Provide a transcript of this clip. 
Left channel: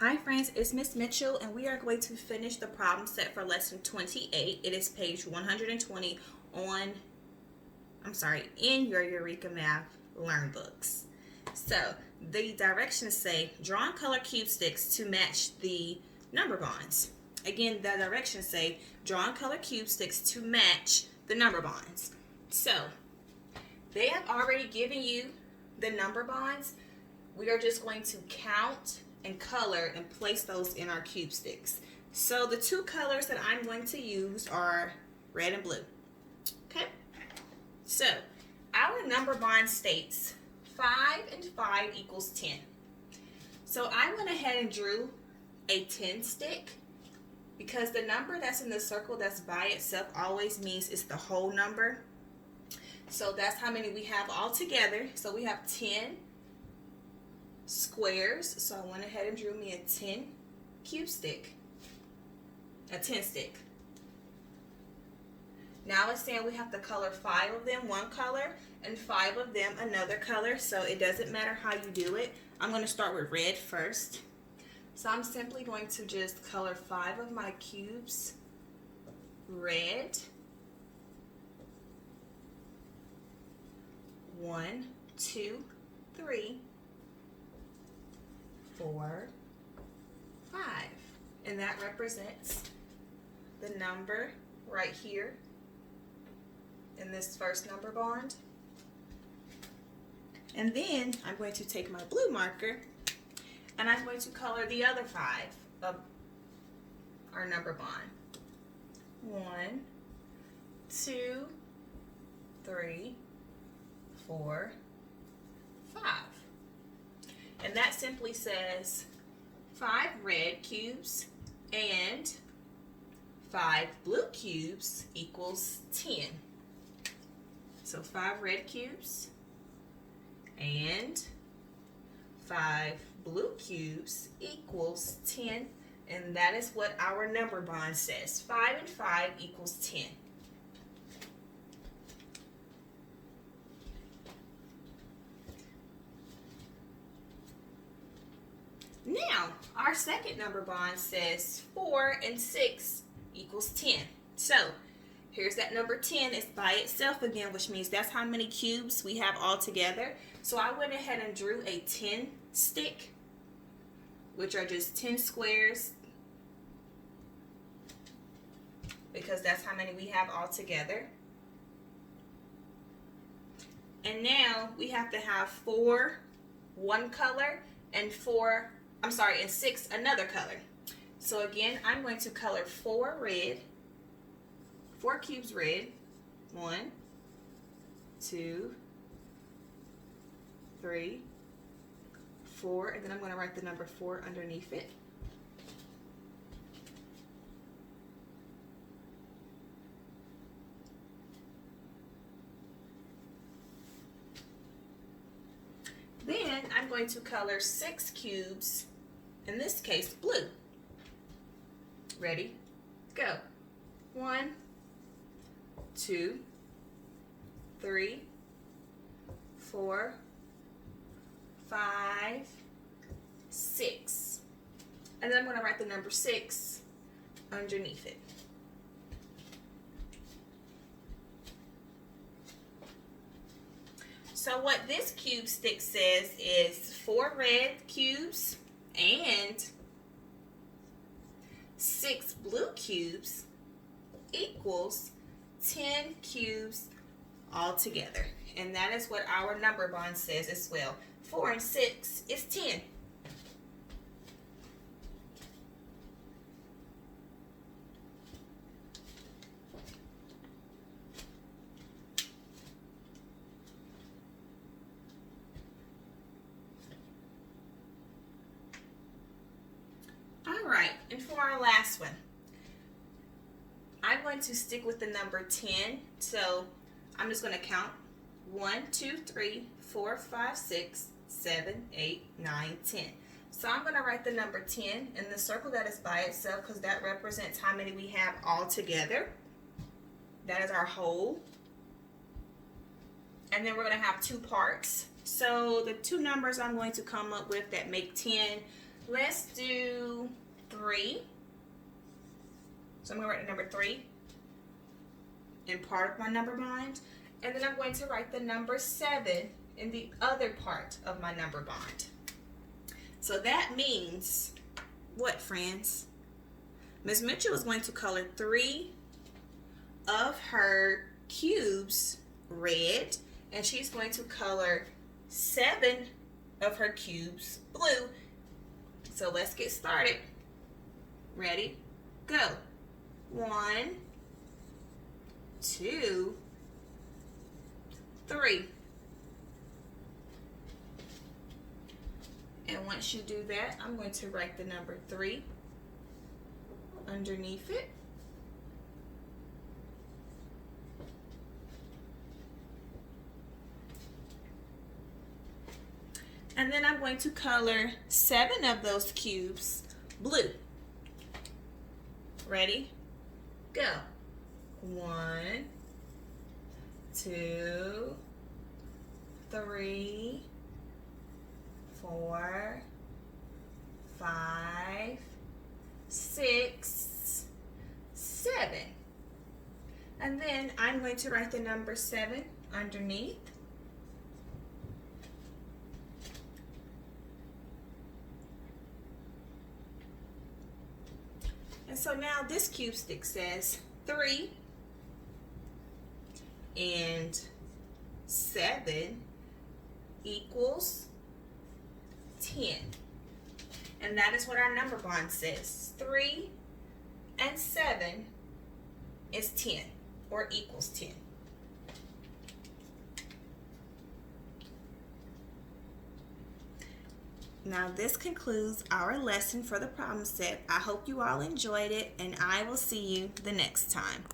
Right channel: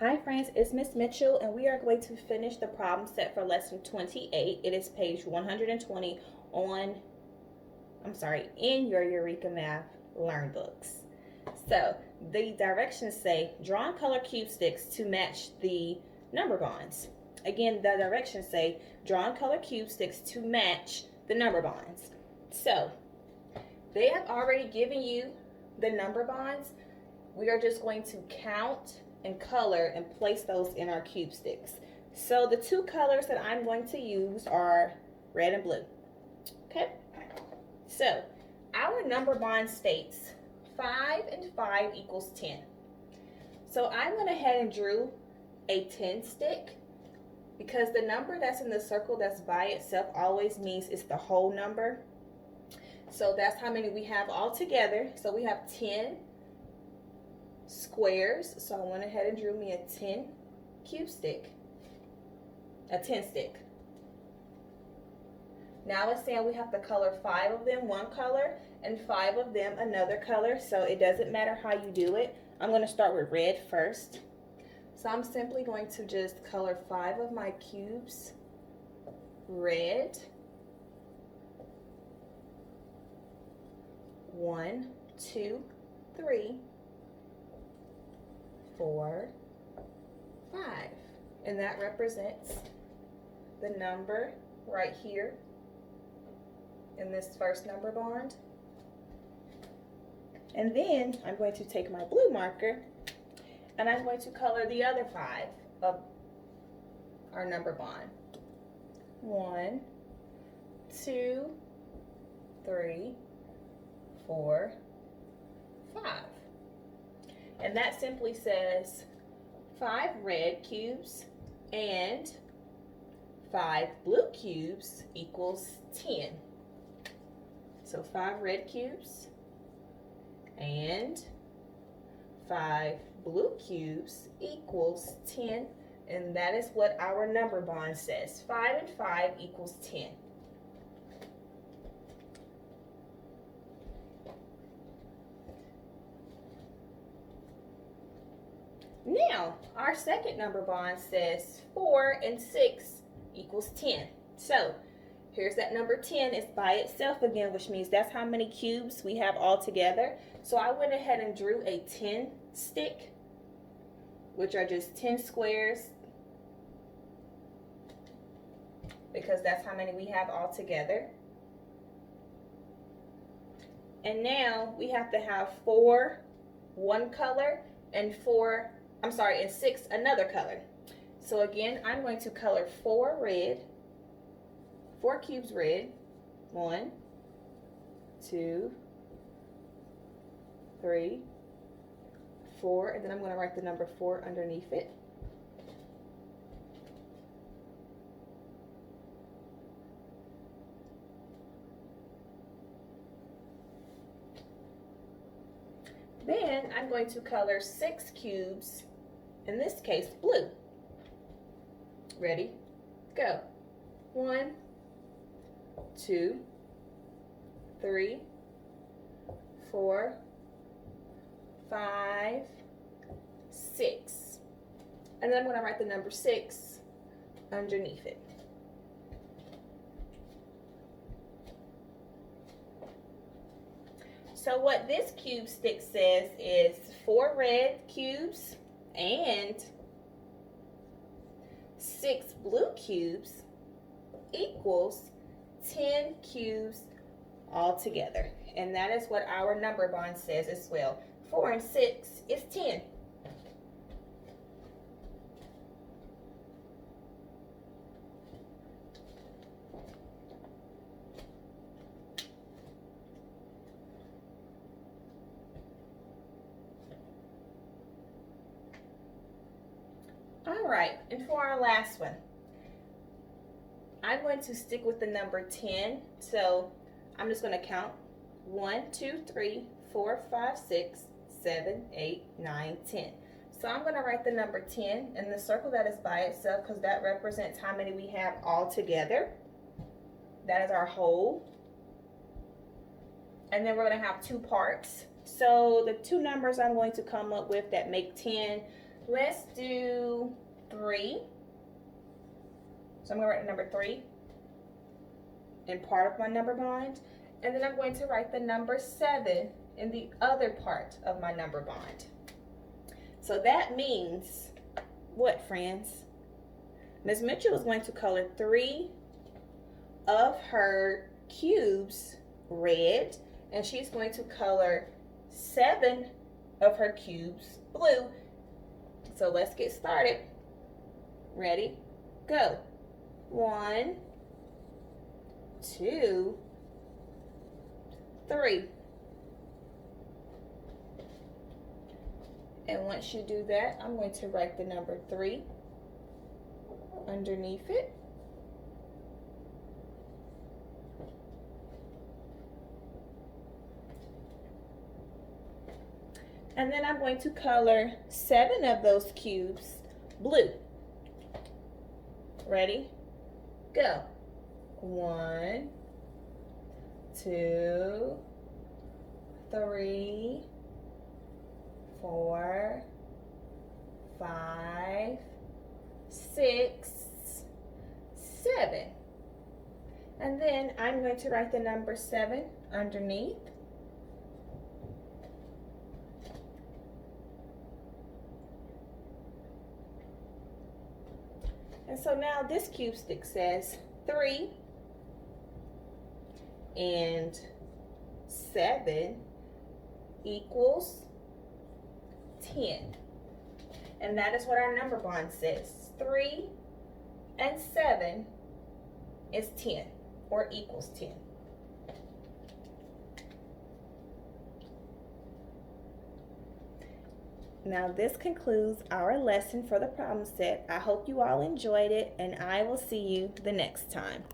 Hi friends, it's Miss Mitchell and we are going to finish the problem set for lesson 28. It is page 120 in your Eureka Math Learn Books. So the directions say draw and color cube sticks to match the number bonds. Again, the directions say draw and color cube sticks to match the number bonds. So they have already given you the number bonds. We are just going to count and color and place those in our cube sticks. So the two colors that I'm going to use are red and blue. Okay, so our number bond states 5 and 5 equals 10. So I went ahead and drew a 10 stick because the number that's in the circle that's by itself always means it's the whole number. So that's how many we have all together. So we have 10 squares. So I went ahead and drew me a 10 cube stick, a 10 stick. Now it's saying we have to color 5 of them one color and 5 of them another color. So it doesn't matter how you do it. I'm going to start with red first. So I'm simply going to just color 5 of my cubes red. 1, 2, 3, 4, 5. And that represents the number right here in this first number bond. And then I'm going to take my blue marker and I'm going to color the other 5 of our number bond. 1, 2, 3, 4, 5. And that simply says 5 red cubes and 5 blue cubes equals 10. So 5 red cubes and 5 blue cubes equals 10. And that is what our number bond says. 5 and 5 equals 10. Now, our second number bond says 4 and 6 equals 10. So, here's that number 10. It's by itself again, which means that's how many cubes we have all together. So, I went ahead and drew a 10 stick, which are just 10 squares, because that's how many we have all together. And now, we have to have 4 one color and 6 another color. So again, I'm going to color 4 cubes red. 1, 2, 3, 4, and then I'm going to write the number 4 underneath it. Then I'm going to color 6 cubes, in this case blue. Ready? Go. 1, 2, 3, 4, 5, 6. And then I'm going to write the number 6 underneath it. So what this cube stick says is 4 red cubes and 6 blue cubes equals 10 cubes altogether. And that is what our number bond says as well. 4 and 6 is 10. All right, and for our last one, I'm going to stick with the number 10. So I'm just going to count 1, 2, 3, 4, 5, 6, 7, 8, 9, 10. So I'm going to write the number 10 in the circle that is by itself because that represents how many we have all together. That is our whole. And then we're going to have 2 parts. So the 2 numbers I'm going to come up with that make 10, Let's do 3. So I'm going to write the number 3 in part of my number bond. And then I'm going to write the number 7 in the other part of my number bond. So that means what, friends? Ms. Mitchell is going to color 3 of her cubes red, and she's going to color 7 of her cubes blue. So let's get started. Ready? Go. 1, 2, 3. And once you do that, I'm going to write the number 3 underneath it. And then I'm going to color 7 of those cubes blue. Ready? Go. 1, 2, 3, 4, 5, 6, 7. And then I'm going to write the number 7 underneath. And so now this cube stick says 3 and 7 equals 10. And that is what our number bond says. 3 and 7 is 10, or equals 10. Now this concludes our lesson for the problem set. I hope you all enjoyed it, and I will see you the next time.